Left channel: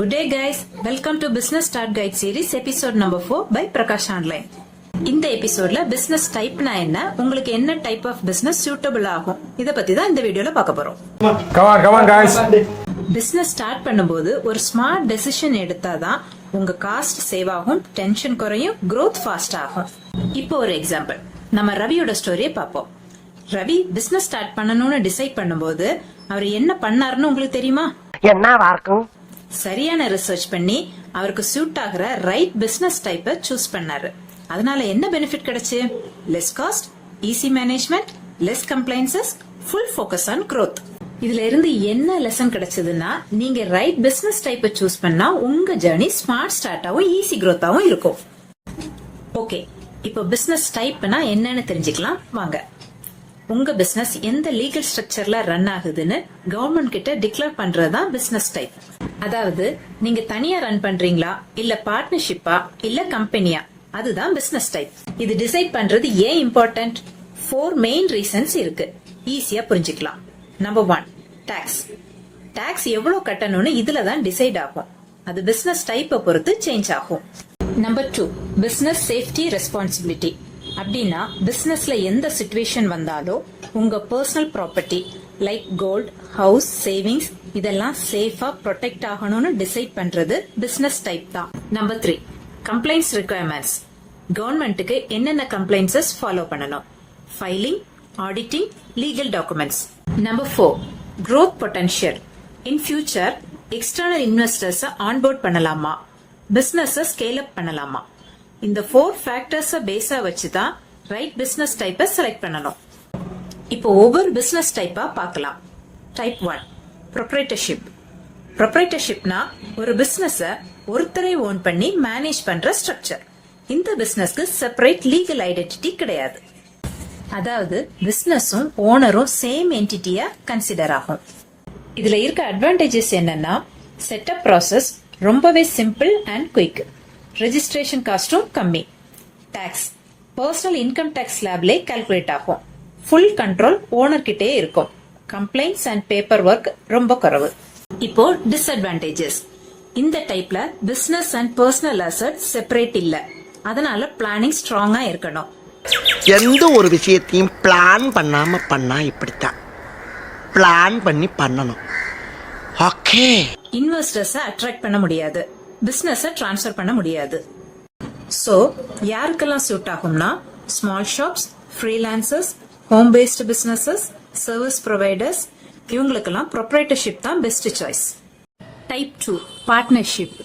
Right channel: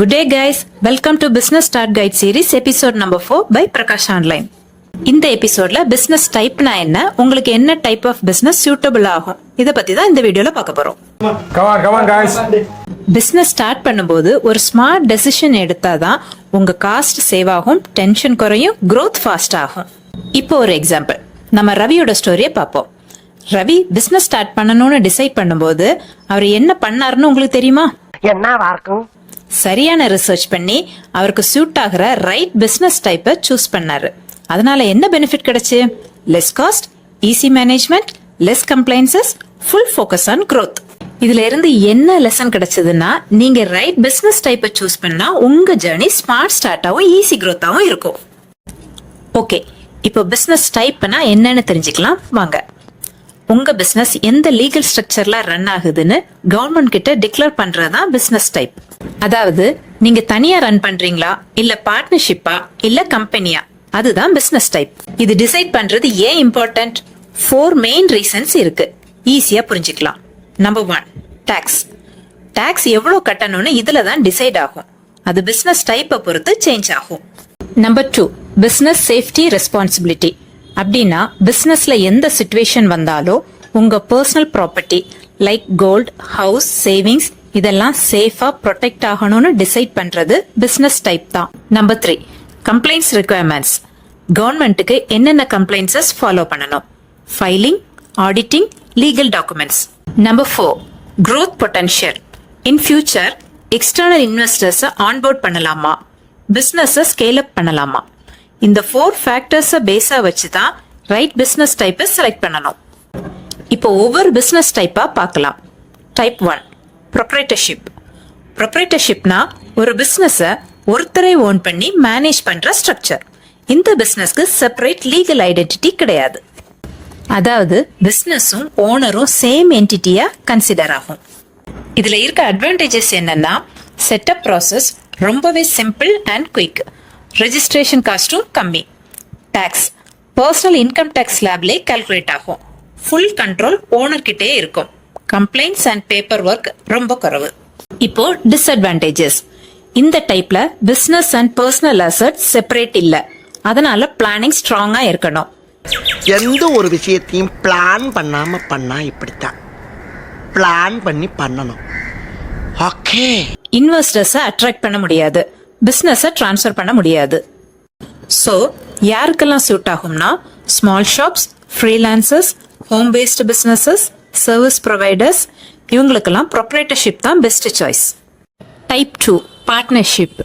Good day guys, welcome to Business Start Guide series episode number 4 by Prakash Online. இந்த எபிசோட்ல business typeனா என்ன, உங்களுக்கு என்ன type of business suitable ஆகும், இத பத்தி தான் இந்த வீடியோல பார்க்க போறோம். Come on guys. Business start பண்ணும்போது ஒரு smart decision எடுத்தாதான் உங்க காஸ்ட் சேவ் ஆகும், டென்ஷன் குறையும், growth fast ஆகும். இப்போ ஒரு எக்ஸாம்பிள், நம்ம ரவியோட ஸ்டோரியை பார்ப்போம். ரவி பிசினஸ் ஸ்டார்ட் பண்ணணும்னு டிசைட் பண்ணும்போது அவர் என்ன பண்ணாருன்னு உங்களுக்கு தெரியுமா? என்னவா இருக்கும்? சரியான ரிசர்ச் பண்ணி அவருக்கு சூட் ஆகிற ரைட் பிசினஸ் டைப்பை சூஸ் பண்ணாரு. அதனால என்ன பெனிஃபிட் கிடைச்சு? Less cost, easy management, less compliances, full focus on growth. இதுல இருந்து என்ன லெசன் கிடைச்சதுன்னா, நீங்க ரைட் பிசினஸ் டைப்பை சூஸ் பண்ணா உங்க ஜர்னி ஸ்மார்ட் ஸ்டார்ட்டாவும் ஈஸி growth-ஆவும் இருக்கும். ஓகே, இப்போ பிசினஸ் டைப்னா என்னன்னு தெரிஞ்சுக்கலாம் வாங்க. உங்க பிசினஸ் எந்த லீகல் ஸ்ட்ரக்சர்ல ரன் ஆகுதுன்னு கவர்மெண்ட் கிட்ட டிக்ளேர் பண்றதுதான் பிசினஸ் டைப். அதாவது நீங்க தனியா ரன் பண்றீங்களா, இல்ல பார்ட்னர்ஷிப்பா, இல்ல கம்பெனியா, அதுதான் பிசினஸ் டைப். இது டிசைட் பண்றது ஏன் இம்பார்ட்டன்ட்? 4 மெயின் ரீசன்ஸ் இருக்கு, ஈஸியா புரிஞ்சுக்கலாம். Number 1, tax. டாக்ஸ் எவ்வளவு கட்டணும்னு இதுல தான் டிசைட் ஆகும். அது பிசினஸ் டைப்பை பொறுத்து சேஞ்ச் ஆகும். Number 2, business safety responsibility. அப்படின்னா பிசினஸ்ல எந்த சிச்சுவேஷன் வந்தாலும் உங்க personal property like gold, house, savings இதெல்லாம் சேஃபா ப்ரொடெக்ட் ஆகணும்னு டிசைட் பண்றது பிசினஸ் டைப் தான். Number 3, compliance requirements. கவர்மெண்ட்டுக்கு என்னென்ன கம்ப்ளைண்ட்ஸஸ் ஃபாலோ பண்ணணும்? Filing, auditing, legal documents. Number 4, growth potential. In future external இன்வெஸ்டர்ஸை ஆன்போர்ட் பண்ணலாமா, பிசினஸை ஸ்கேல் அப் பண்ணலாமா? இந்த 4 ஃபேக்டர்ஸை பேஸா வச்சு தான் ரைட் பிசினஸ் டைப்பை செலக்ட் பண்ணணும். இப்போ ஒவ்வொரு பிசினஸ் டைப்பா பார்க்கலாம். Type 1, proprietorship. ப்ரொப்ரைட்டர்ஷிப்னா ஒரு பிசினஸை ஒருத்தரை ஓன் பண்ணி மேனேஜ் பண்ற ஸ்ட்ரக்சர். இந்த பிசினஸ்க்கு செப்பரேட் லீகல் ஐடென்டிட்டி கிடையாது. அதாவது பிசினஸும் ஓனரும் சேம் என்டிட்டியா கன்சிடர் ஆகும். இதுல இருக்க அட்வான்டேஜஸ் என்னன்னா, செட்டப் ப்ராசஸ் ரொம்பவே சிம்பிள் அண்ட் குயிக். ரெஜிஸ்ட்ரேஷன் காஸ்டும் கம்மி. டாக்ஸ் பர்சனல் இன்கம் டாக்ஸ் ஸ்லாப்லே கால்குலேட் ஆகும். ஃபுல் கண்ட்ரோல் ஓனர் கிட்டே இருக்கும். கம்ப்ளைண்ட்ஸ் அண்ட் பேப்பர் ஒர்க் ரொம்ப குறைவு. இப்போ டிஸ்அட்வான்டேஜஸ். இந்த டைப்ல business and personal asset separate இல்ல. அதனால பிளானிங் ஸ்ட்ராங்கா இருக்கணும். எந்த ஒரு விஷயத்தையும் பிளான் பண்ணாம பண்ணா இப்படித்தான். பிளான் பண்ணி பண்ணணும். ஓகே. இன்வெஸ்டர்ஸை அட்ராக்ட் பண்ண முடியாது, பிசினஸை டிரான்ஸ்ஃபர் பண்ண முடியாது. ஸோ யாருக்கெல்லாம் சூட் ஆகும்னா, small shops, freelancers, home based businesses, service providers, இவங்களுக்கெல்லாம் ப்ரொப்ரைட்டர்ஷிப் தான் பெஸ்ட் சாய்ஸ். Type 2, partnership.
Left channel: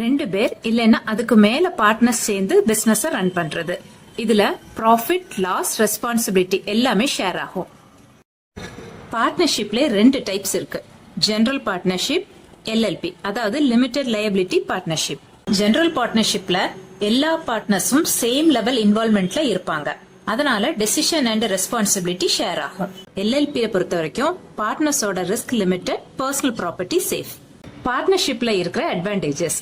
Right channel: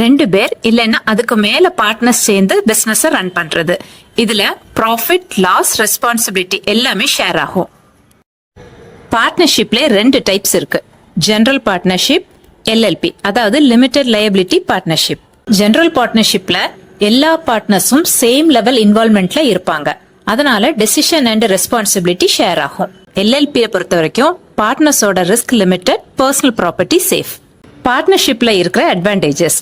2 பேர் இல்லைன்னா அதுக்கு மேல பார்ட்னர்ஸ் சேர்ந்து பிசினஸை ரன் பண்றது. இதுல ப்ராஃபிட், லாஸ், ரெஸ்பான்சிபிலிட்டி எல்லாமே ஷேர் ஆகும். பார்ட்னர்ஷிப்ல 2 டைப்ஸ் இருக்கு. ஜெனரல் பார்ட்னர்ஷிப், LLP, அதாவது லிமிடெட் லயபிலிட்டி பார்ட்னர்ஷிப். ஜெனரல் பார்ட்னர்ஷிப்ல எல்லா பார்ட்னர்ஸும் சேம் லெவல் இன்வால்வ்மெண்ட்ல இருப்பாங்க. அதனால டெசிஷன் அண்ட் ரெஸ்பான்சிபிலிட்டி ஷேர் ஆகும். LLP பொறுத்த வரைக்கும் பார்ட்னர்ஸோட risk limited, personal property safe. பார்ட்னர்ஷிப்ல இருக்கிற அட்வான்டேஜஸ்:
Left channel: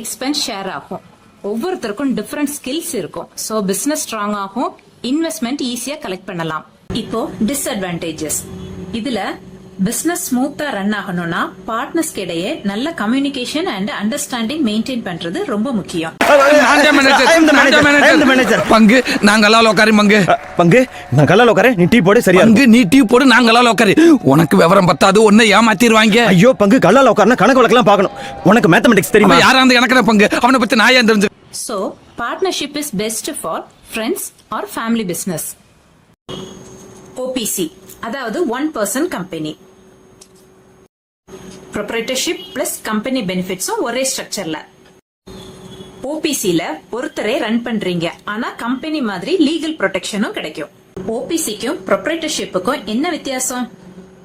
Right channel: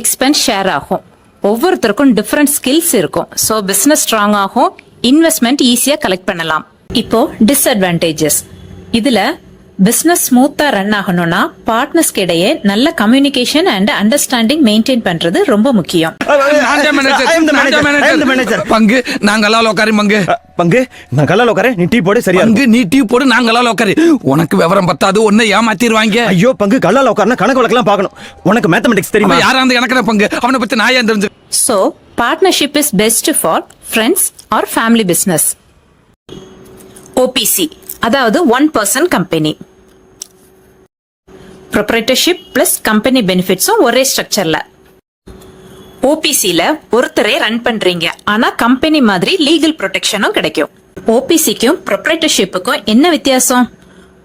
எக்ஸ்பென்ஸ் ஷேர் ஆகும், ஒவ்வொருத்தருக்கும் டிஃபரெண்ட் ஸ்கில்ஸ் இருக்கும், ஸோ பிசினஸ் ஸ்ட்ராங் ஆகும், இன்வெஸ்ட்மெண்ட் ஈஸியா கலெக்ட் பண்ணலாம். இப்போ டிஸ்அட்வான்டேஜஸ். இதுல பிசினஸ் ஸ்மூத்தா ரன் ஆகணும்னா பார்ட்னர்ஸ்க்கு இடையே நல்ல கம்யூனிகேஷன் அண்ட் அண்டர்ஸ்டாண்டிங் மெயின்டைன் பண்றது ரொம்ப முக்கியம். பங்கு நாங்கெல்லாம் லோக்காரி பங்கு பங்கு நாங்கெல்லாம் லோக்காரி நீ டீ போடு. சரியா பங்கு நீ டீ போடு, நாங்கெல்லாம் லோக்காரி. உனக்கு விவரம் பத்தாது, ஒன்னை ஏமாத்திடுவாங்க. ஐயோ பங்கு கல்லா லோக்காரனா கணக்கு வழக்கெல்லாம் பார்க்கணும். உனக்கு மேத்தமெட்டிக்ஸ் தெரியுமா? யாரா அந்த எனக்கு பங்கு, அவனை பத்தி நான் ஏன் தெரிஞ்சு. So partnership is best for friends or family business. OPC, அதாவது one person company. Proprietorship plus company பெனிஃபிட்ஸும் ஒரே ஸ்ட்ரக்சர்ல. ஓபிசில ஒருத்தரே ரன் பண்றீங்க, ஆனா கம்பெனி மாதிரி லீகல் ப்ரொடெக்ஷனும் கிடைக்கும். ஓபிசிக்கும் ப்ரொப்ரைட்டர்ஷிப்புக்கும் என்ன வித்தியாசம்?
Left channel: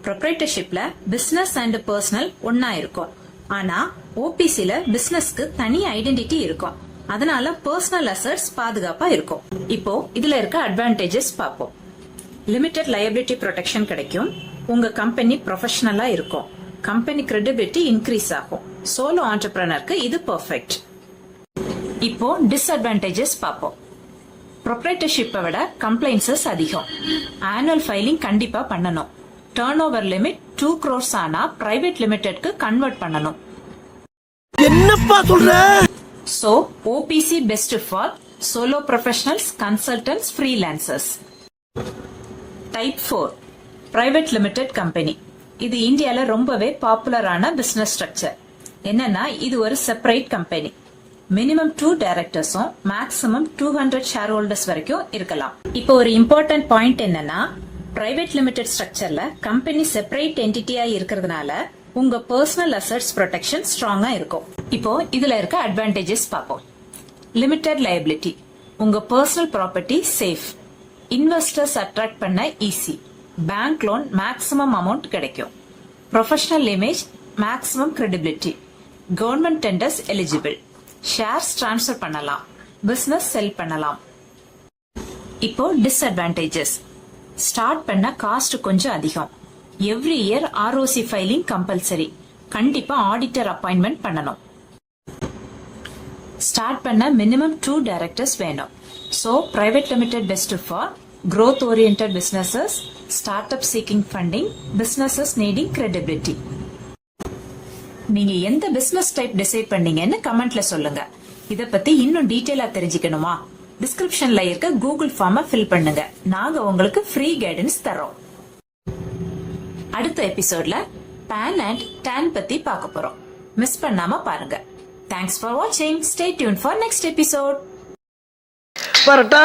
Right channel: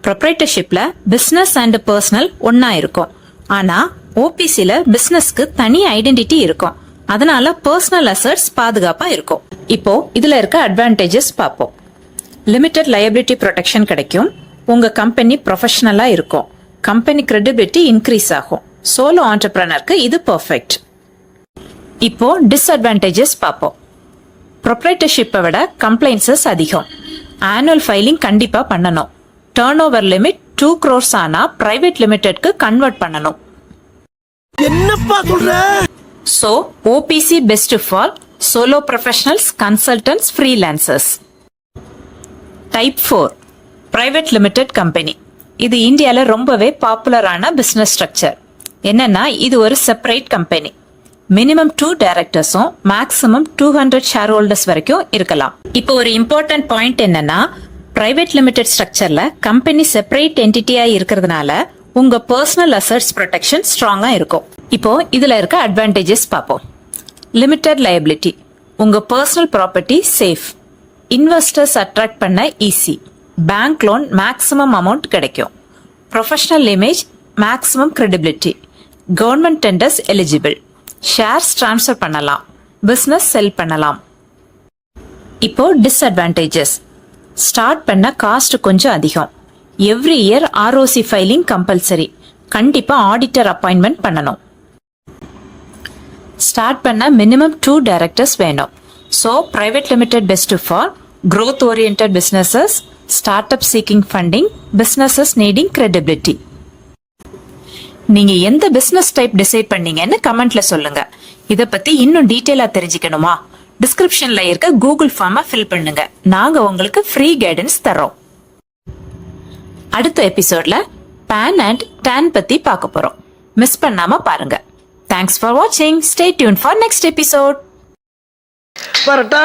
ப்ரொப்ரைட்டர்ஷிப்ல பிசினஸ் அண்ட் பர்சனல் ஒன்னா இருக்கும், ஆனா ஓபிசில பிசினஸ்க்கு தனி ஐடென்டிட்டி இருக்கும். அதனால பர்சனல் அசெட்ஸ் பாதுகாப்பா இருக்கும். இப்போ இதுல இருக்க அட்வான்டேஜஸ் பார்ப்போம். லிமிடெட் லயபிலிட்டி ப்ரொடெக்ஷன் கிடைக்கும், உங்க கம்பெனி ப்ரொஃபஷனலா இருக்கும், கம்பெனி கிரெடிபிலிட்டி இன்க்ரீஸ் ஆகும். சோலோ ஆண்டர்பிரனருக்கு இது பெர்ஃபெக்ட். இப்போ டிஸ்அட்வான்டேஜஸ் பார்ப்போம். ப்ரொப்ரைட்டர்ஷிப்பை விட கம்ப்ளைன்சஸ் அதிகம், ஆனுவல் ஃபைலிங் கண்டிப்பா பண்ணணும், டர்ன் ஓவர் லிமிட் 2 crores ஆனா பிரைவேட் லிமிடெட்க்கு கன்வெர்ட் பண்ணணும். என்னப்பா சொல்ற? So, OPC best for solo professionals, consultants, freelancers. Type 4 Private Limited Company. இது இந்தியால ரொம்பவே பாப்புலரான பிசினஸ் ஸ்ட்ரக்சர். என்னன்னா இது ஒரு செப்பரேட் கம்பெனி. மினிமம் 2 டைரக்டர்ஸும் மேக்ஸிமம் 200 ஷேர் ஹோல்டர்ஸ் வரைக்கும் இருக்கலாம். இப்போ ஒரு இம்பார்ட்டன்ட் பாயிண்ட் என்னன்னா பிரைவேட் லிமிடெட் ஸ்ட்ரக்சர்ல கம்பெனி செப்பரேட் என்டிட்டியா இருக்கிறதுனால உங்க பர்சனல் அசெட்ஸ் ப்ரொடெக்ஷன் ஸ்ட்ராங்கா இருக்கும். இப்போ இதுல இருக்க அட்வான்டேஜஸ் பார்ப்போம். லிமிடெட் லயபிலிட்டி, உங்க personal property safe, investors attract பண்ண easy, bank loan maximum amount கிடைக்கும், professional image maximum credibility, government tenders eligible, shares transfer பண்ணலாம், பிசினஸ் செல் பண்ணலாம். இப்போ டிஸ்அட்வான்டேஜஸ், ஸ்டார்ட் பண்ண காஸ்ட் கொஞ்சம் அதிகம், every year ROC filing compulsory, கண்டிப்பா ஆடிட்டர் அப்பாயின்மெண்ட் பண்ணணும், ஸ்டார்ட் பண்ண மினிமம் 2 டைரக்டர்ஸ் வேணும். So private limited best for growth oriented businesses, startup seeking funding, businesses needing credibility. நீங்க எந்த பிசினஸ் டைப் டிசைட் பண்ணீங்கன்னு கமெண்ட்ல சொல்லுங்க. இத பத்தி இன்னும் டீடைலா தெரிஞ்சுக்கணுமா? டிஸ்கிரிப்ஷன்ல இருக்க கூகுள் ஃபார்மை ஃபில் பண்ணுங்க. நாங்க உங்களுக்கு ஃப்ரீ கைடன்ஸ் தரோம். அடுத்த எபிசோட்ல பேன் அண்ட் டான் பத்தி பார்க்க போறோம். மிஸ் பண்ணாம பாருங்க. தேங்க்ஸ் ஃபார் வாட்சிங். Stay tune for next episode. வரட்டா.